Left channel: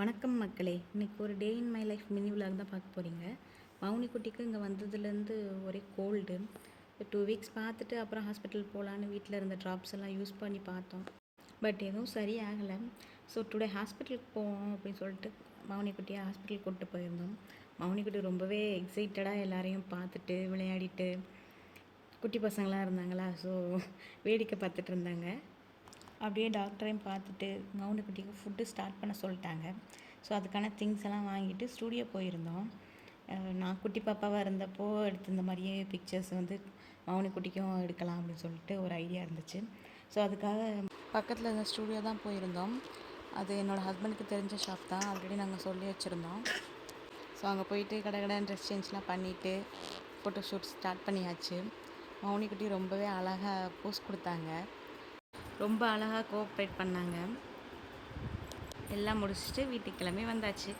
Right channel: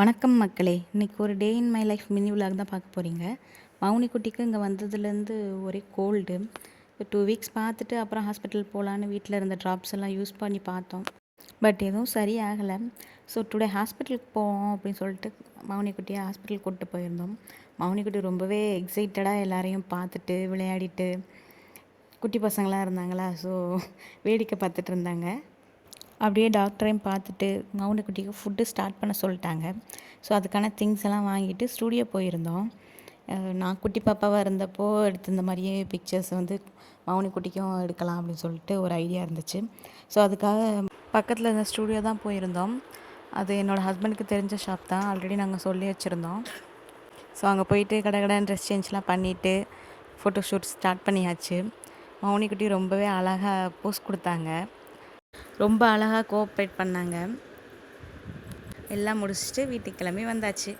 வணக்கம் மக்களே! இன்னைக்கு ஒரு day in my life mini vlog தான் பார்க்க போறீங்க. மௌனி குட்டிக்கு இங்கே வந்ததுலேருந்து ஒரே கோல்டு. 2 வீக்ஸ் பார்த்துட்டு அப்புறம் ஹாஸ்பிட்டல் போகலான்னு வீட்டில் இருந்த ட்ராப்ஸ் எல்லாம் யூஸ் பண்ணி பார்த்தோம். பட் எதுவும் சரியாகலை. ஸோ டுடே ஹாஸ்பிட்டலுக்கு போவோம் அப்படின்னு சொல்லிட்டு மௌனி குட்டியை ஹாஸ்பிட்டலுக்கு கூப்பிட்டு போயிருந்தோம். மௌனி குட்டி ரொம்பவே எக்ஸைட்டடாக எல்லாரையும் பார்த்துட்டு விளையாடிட்டு குட்டி பசங்களாம் இருந்தாங்களா, ஸோ வேடிக்கை பார்த்துட்டு இருந்தாங்க. அப்படியே டாக்டரையும் பார்த்துட்டு மௌனக்குட்டிக்கு ஃபுட்டு ஸ்டார்ட் பண்ண சொல்லிட்டாங்க. ஸோ அதுக்கான திங்ஸ் எல்லாம் வாங்கிட்டு ஸ்டூடியோ போயிருந்தோம். நான் குட்டி பாப்பாவாக இருந்தப்போ எடுத்த இந்த மாதிரியே பிக்சர்ஸ் வந்து மௌனி குட்டிக்கும் எடுக்கலாம் அப்படின்னு சொல்லிட்டு ஒரு ஐடியா இருந்துச்சு. ஸோ அதுக்காக பக்கத்தில் இருந்த ஸ்டூடியோ தான் போயிருந்தோம். அது என்னோடய ஹஸ்பண்டுக்கு தெரிஞ்ச ஷாப் தான், ஆல்ரெடி நாங்கள் சொல்லி வச்சுருந்தோம். ஸோ அங்கே போயிட்டு கடன் ட்ரெஸ் சேஞ்ச்லாம் பண்ணிவிட்டு ஃபோட்டோ ஷூட் ஸ்டார்ட் பண்ணியாச்சு. மௌனி குட்டி ரொம்பவே அழகாக போஸ் கொடுத்தாங்க. ரொம்ப அழகாக கோஆப்ரேட் பண்ணாங்க. எல்லாம் முடிச்சுட்டு வீட்டுக்கு கிளம்பி வந்தாச்சு.